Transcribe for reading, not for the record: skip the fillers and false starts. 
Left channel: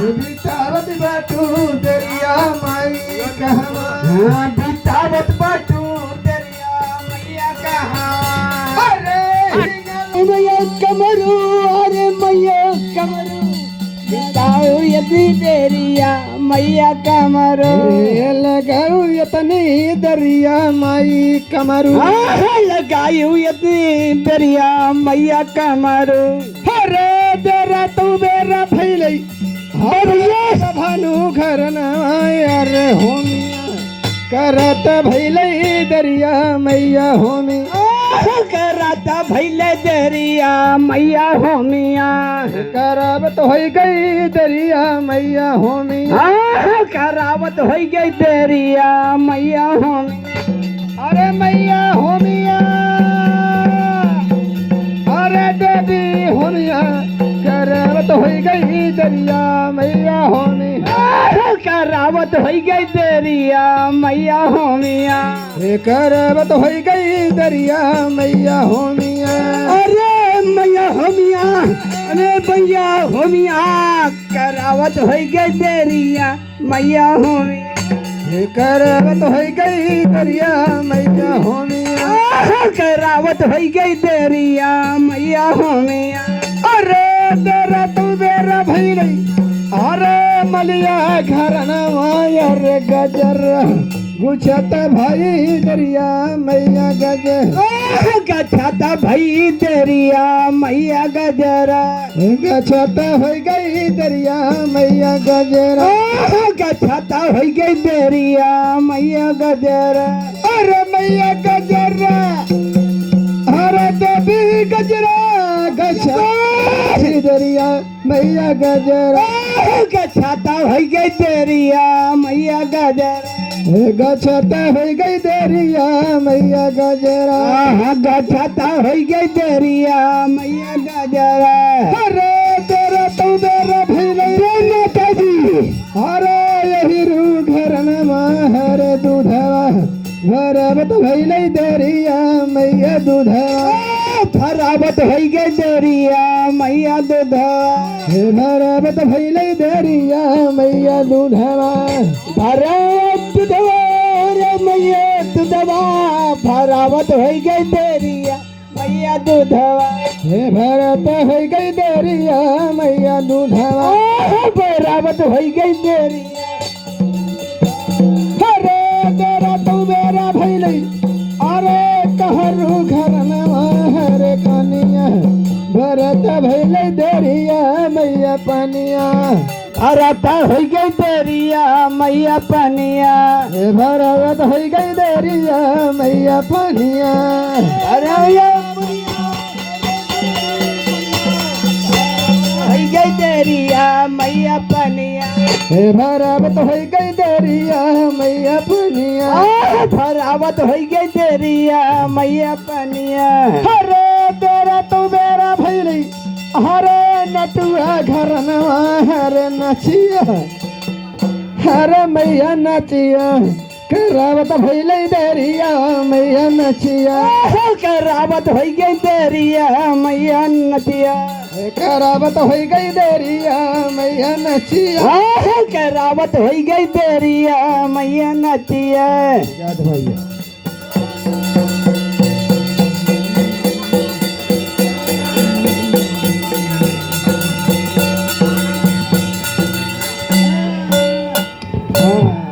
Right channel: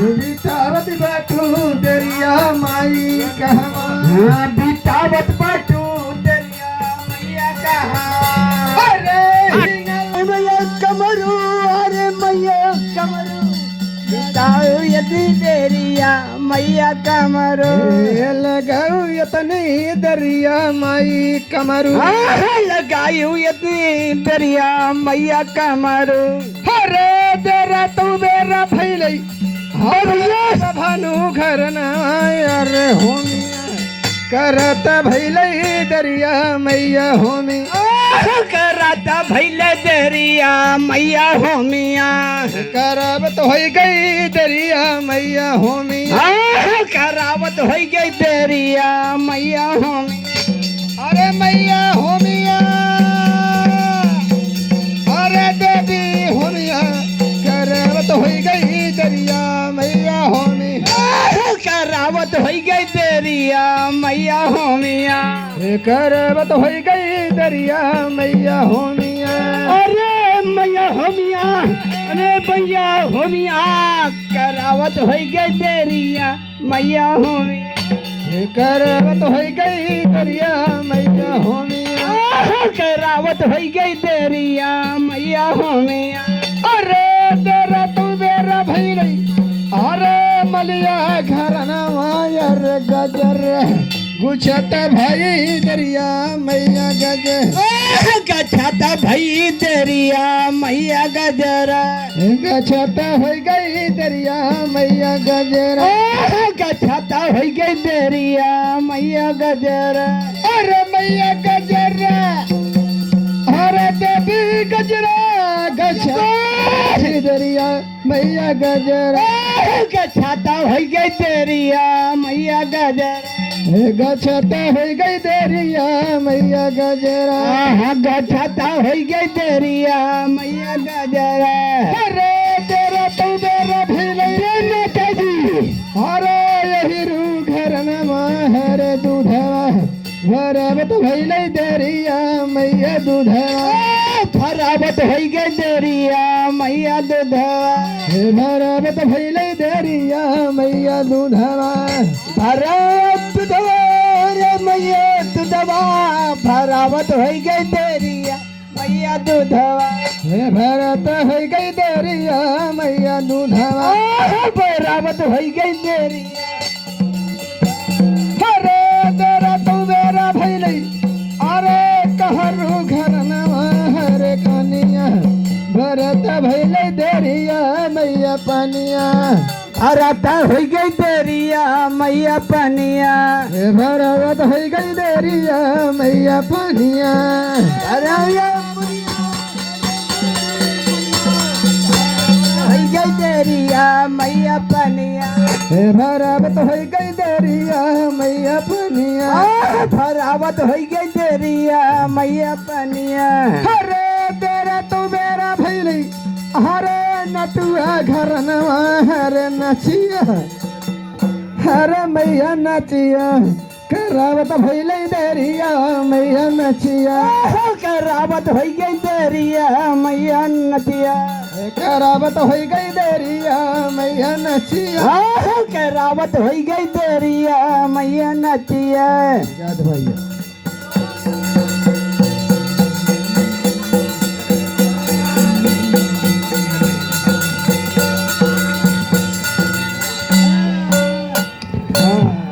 बितावत बाटू दरिया माई कहवा बितावत बाटू दरिया मैया कहा अरे मैया कमरू अरे मैया कमरू बिताऊ यदि दरिया मैया कमरू लगाऊ यतनी दरिया माई कमरू लगाऊ यदि दरिया मैया कमरू अरे तेरा तू बेरा फैलई भानु घर नायर होमी करत भैले दरिया मैया होमी करत भैले दरिया मैया होमिया करावत हो गई दरिया मैया होमी करावत हो गई दरिया मैया होमी अरे मैया होमिया अरे देवी होमिया करावत हो गई दरिया मैया होमी करावत हो गई दरिया मैया होमिया करावत हो गई दरिया मैया होमिया अरे मैया होमिया अरे मैया होमिया करावत हो गई दरिया मैया होमिया करावत हो गई दरिया मैया होमिया करावत हो गई दरिया मैया होमिया अरे तेरा तू तेरा भई गई अरे मलिया घरना मायर गजर गुछत भाई दरिया मैया गजर गछत भाई दरिया मैया गजरा गछत हो गई दरिया मैया गजरा गछत हो गई दरिया मैया गजरा अरे मैया गजरा अरे देवी गजरा गछा दरिया मैया गजरा गछाता हो गई दरिया मैया गजरा गछाता हो गई दरिया मैया गजरा गछाता हो गई दरिया मैया गजरा अरे तेरा तू बेरा भैले नेताजी अरे यही रू घर हर दूधवा भरावत भैले दरिया मैया दूधवा भरावत हो गई दरिया मैया दूधवा भरावत भैले दरिया मैया दूधवा भरावत दूधवा रे मैया दूधवा भरावत हो गई दरिया मैया दूधवा भरत हो गई दरिया मैया दूधवा भरावत हो गई दरिया अरे तेरा तू मेरा भैले अरे कहरु घर नवा कनिया भरत भैले दरिया मैया पनिया भरत हो गई दरिया मैया पनिया भरत हो गई दरिया मैया पनिया अरे हो गई दरिया मैया पनिया भरावत हो गई दरिया मैया पनिया भरावत हो गई दरिया मैया पनिया अरे तेरा तू मेरा भैली अरे नटुआ घर नवा हरे नचिया अरे मैया नचिया करावत भैले दरिया मैया नचिया करावत हो गई दरिया मैया नचिया करावत हो गई दरिया मैया नचिया करावत हो गई दरिया मैया नचिया याद भैया हाँ